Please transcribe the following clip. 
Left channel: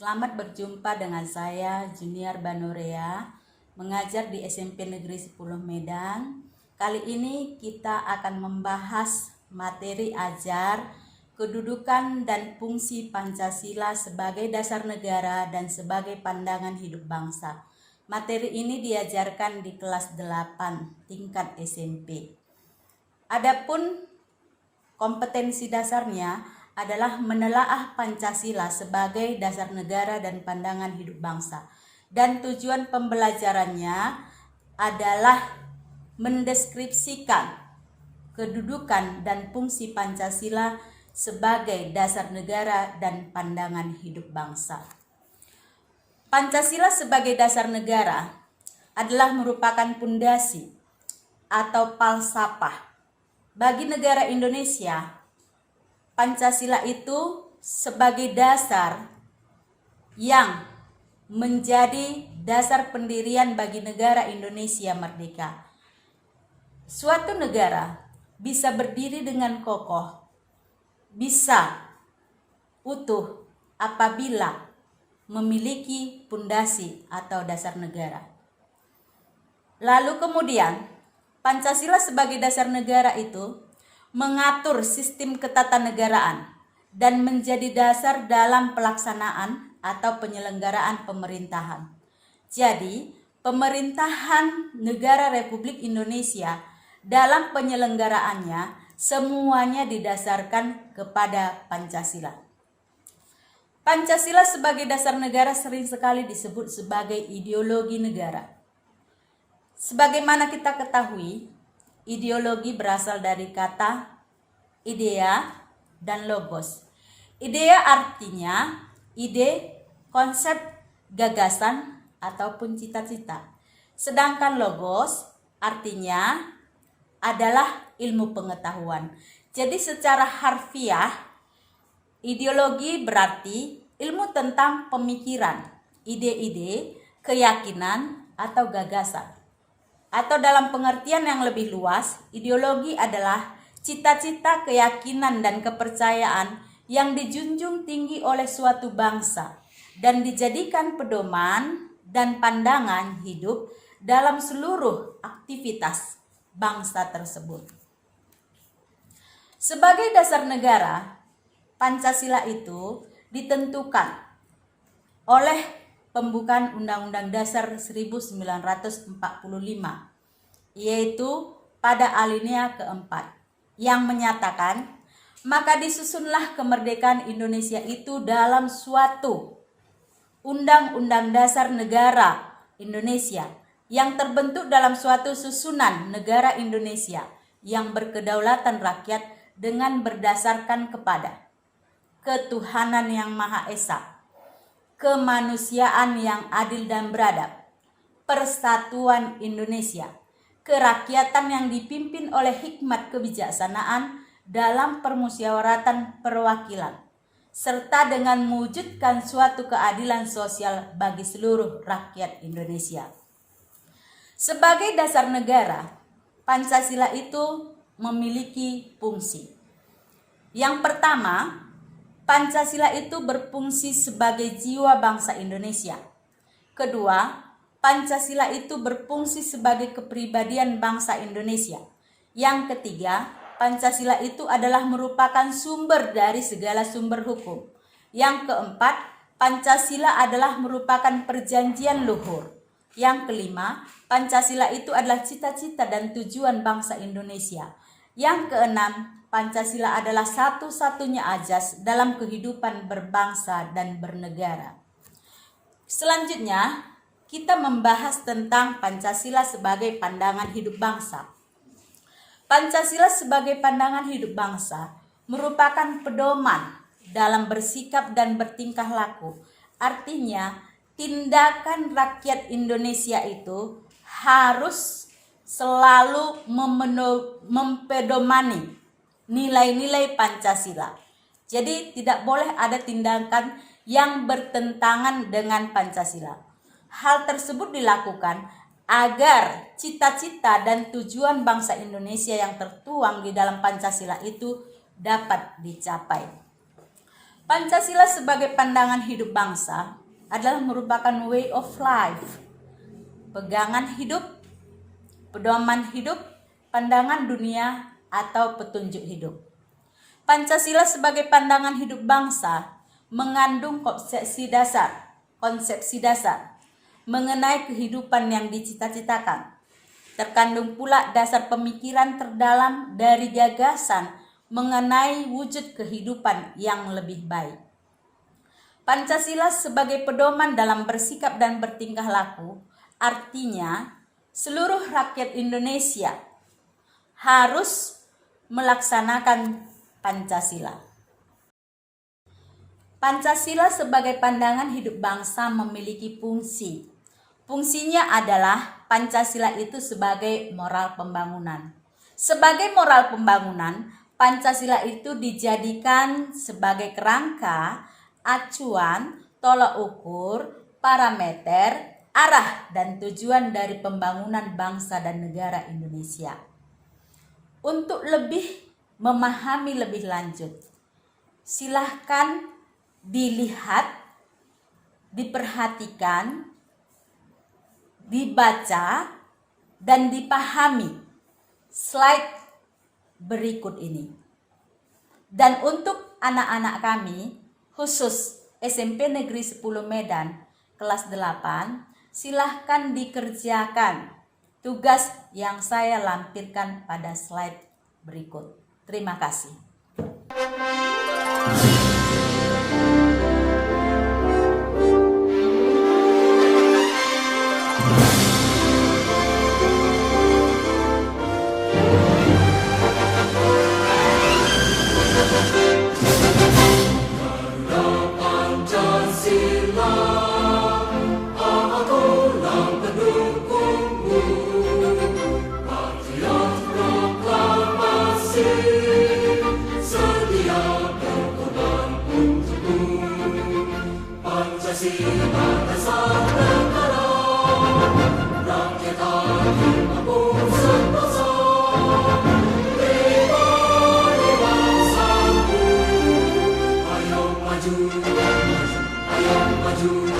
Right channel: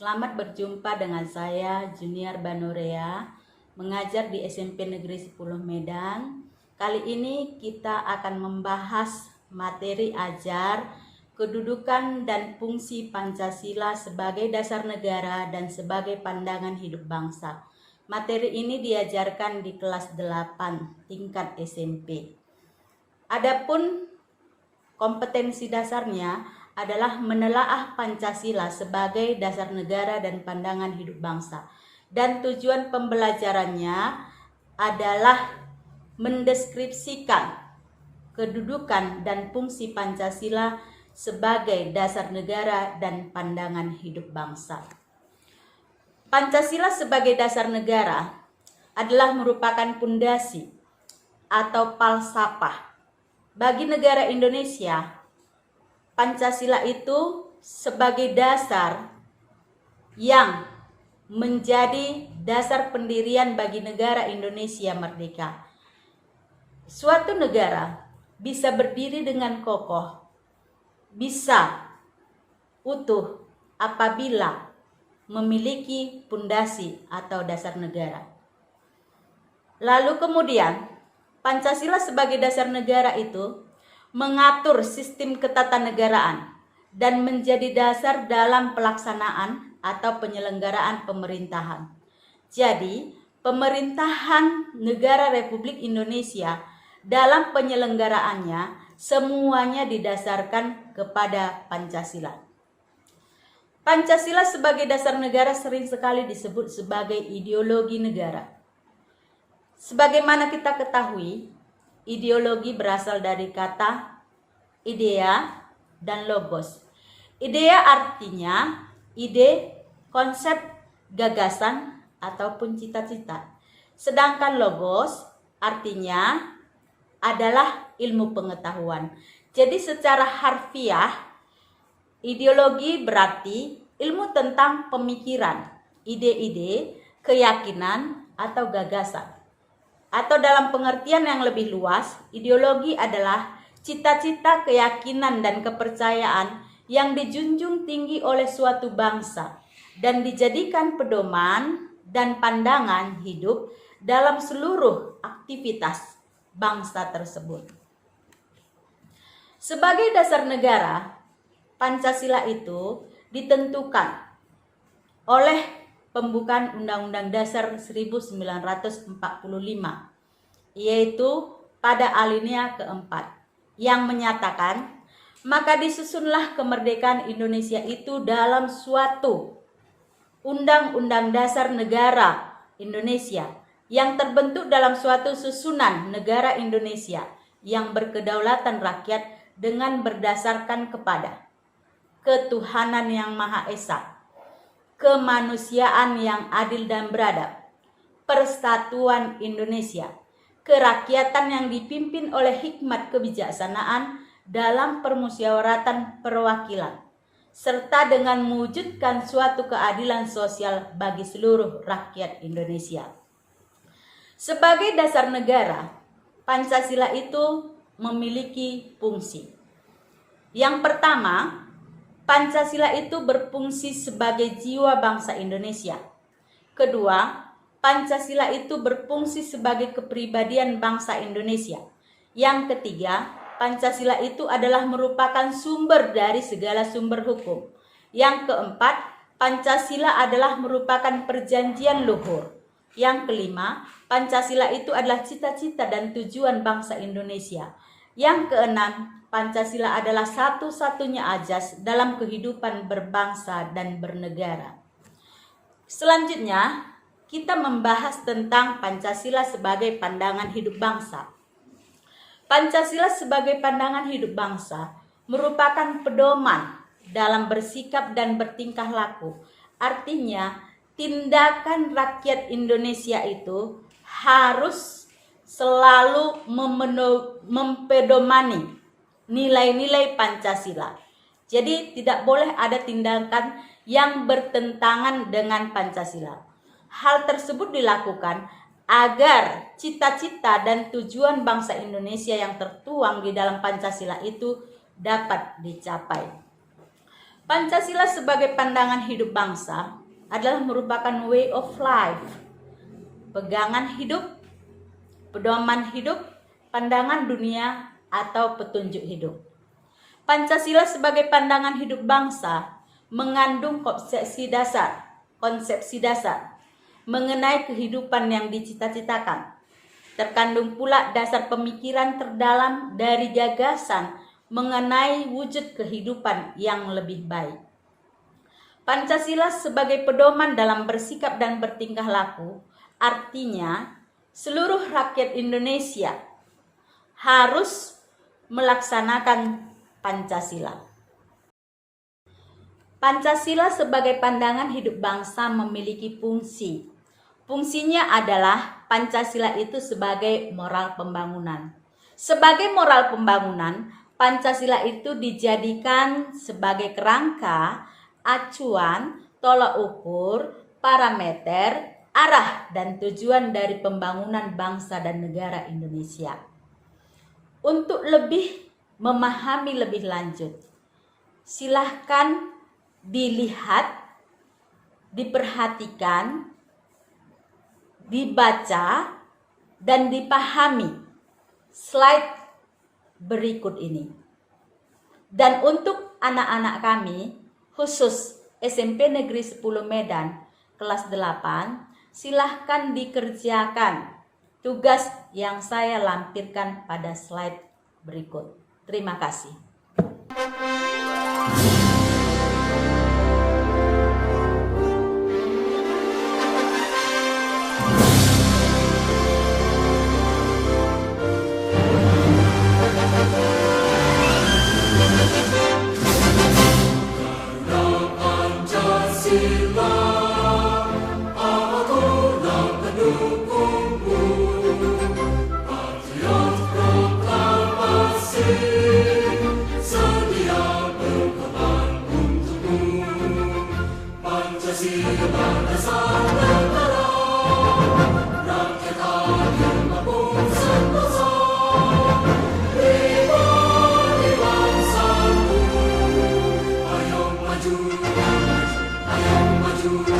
Selamat berjumpa dengan saya Junior Banorea, mengajar di SMP Negeri 10 Medan. Kali ini kita akan membahas materi ajar kedudukan dan fungsi Pancasila sebagai dasar negara dan sebagai pandangan hidup bangsa. Materi ini diajarkan di kelas 8 tingkat SMP. Adapun kompetensi dasarnya adalah menelaah Pancasila sebagai dasar negara dan pandangan hidup bangsa. Dan tujuan pembelajarannya adalah mendeskripsikan kedudukan dan fungsi Pancasila sebagai dasar negara dan pandangan hidup bangsa. Pancasila sebagai dasar negara adalah merupakan pondasi atau falsafah bagi negara Indonesia. Pancasila itu sebagai dasar yang menjadi dasar pendirian bagi negara Indonesia merdeka. Suatu negara bisa berdiri dengan kokoh, bisa utuh apabila memiliki pondasi atau dasar negara. Lalu kemudian Pancasila sebagai dasar negara itu mengatur sistem ketatanegaraan dan menjadi dasar dalam pelaksanaan atau penyelenggaraan pemerintahan. Jadi, pemerintahan negara Republik Indonesia dalam penyelenggaraannya semuanya didasarkan kepada Pancasila. Pancasila sebagai dasar negara sering sekali disebut sebagai ideologi negara. Sebagaimana kita ketahui, ideologi berasal dari kata idea dan logos. Idea artinya ide, konsep, gagasan, ataupun cita-cita. Sedangkan logos artinya adalah ilmu pengetahuan. Jadi secara harfiah, ideologi berarti ilmu tentang pemikiran, ide-ide, keyakinan, atau gagasan. Atau dalam pengertian yang lebih luas, ideologi adalah cita-cita, keyakinan, dan kepercayaan yang dijunjung tinggi oleh suatu bangsa dan dijadikan pedoman dan pandangan hidup dalam seluruh aktivitas bangsa tersebut. Sebagai dasar negara, Pancasila itu ditentukan oleh pembukaan Undang-Undang Dasar 1945, yaitu pada alinea keempat, yang menyatakan, maka disusunlah kemerdekaan Indonesia itu dalam suatu Undang-Undang Dasar Negara Indonesia yang terbentuk dalam suatu susunan negara Indonesia yang berkedaulatan rakyat dengan berdasarkan kepada ketuhanan yang Maha Esa, kemanusiaan yang adil dan beradab, persatuan Indonesia, kerakyatan yang dipimpin oleh hikmat kebijaksanaan dalam permusyawaratan perwakilan, serta dengan mewujudkan suatu keadilan sosial bagi seluruh rakyat Indonesia. Sebagai dasar negara, Pancasila itu memiliki fungsi. Yang pertama, Pancasila itu berfungsi sebagai jiwa bangsa Indonesia. Kedua, Pancasila itu berfungsi sebagai kepribadian bangsa Indonesia. Yang ketiga, Pancasila itu adalah merupakan sumber dari segala sumber hukum. Yang keempat, Pancasila adalah merupakan perjanjian luhur. Yang kelima, Pancasila itu adalah cita-cita dan tujuan bangsa Indonesia. Yang keenam, Pancasila adalah satu-satunya azas dalam kehidupan berbangsa dan bernegara. Selanjutnya, kita membahas tentang Pancasila sebagai pandangan hidup bangsa. Pancasila sebagai pandangan hidup bangsa merupakan pedoman dalam bersikap dan bertingkah laku. Artinya, tindakan rakyat Indonesia itu harus selalu mempedomani nilai-nilai Pancasila. Jadi tidak boleh ada tindakan yang bertentangan dengan Pancasila. Hal tersebut dilakukan agar cita-cita dan tujuan bangsa Indonesia yang tertuang di dalam Pancasila itu dapat dicapai. Pancasila sebagai pandangan hidup bangsa adalah merupakan way of life, pegangan hidup, pedoman hidup, pandangan dunia, atau petunjuk hidup. Pancasila sebagai pandangan hidup bangsa mengandung konsepsi dasar mengenai kehidupan yang dicita-citakan. Terkandung pula dasar pemikiran terdalam dari gagasan mengenai wujud kehidupan yang lebih baik. Pancasila sebagai pedoman dalam bersikap dan bertingkah laku, artinya seluruh rakyat Indonesia harus melaksanakan Pancasila. Pancasila sebagai pandangan hidup bangsa memiliki fungsi. Fungsinya adalah Pancasila itu sebagai moral pembangunan. Sebagai moral pembangunan, Pancasila itu dijadikan sebagai kerangka, acuan, tolak ukur, parameter, arah, dan tujuan dari pembangunan bangsa dan negara Indonesia. Untuk lebih memahami lebih lanjut, silahkan dilihat, diperhatikan, dibaca, dan dipahami slide berikut ini. Dan untuk anak-anak kami, khusus SMP Negeri 10 Medan kelas 8, silahkan dikerjakan tugas yang saya lampirkan pada slide berikut. Terima kasih. Ayo maju,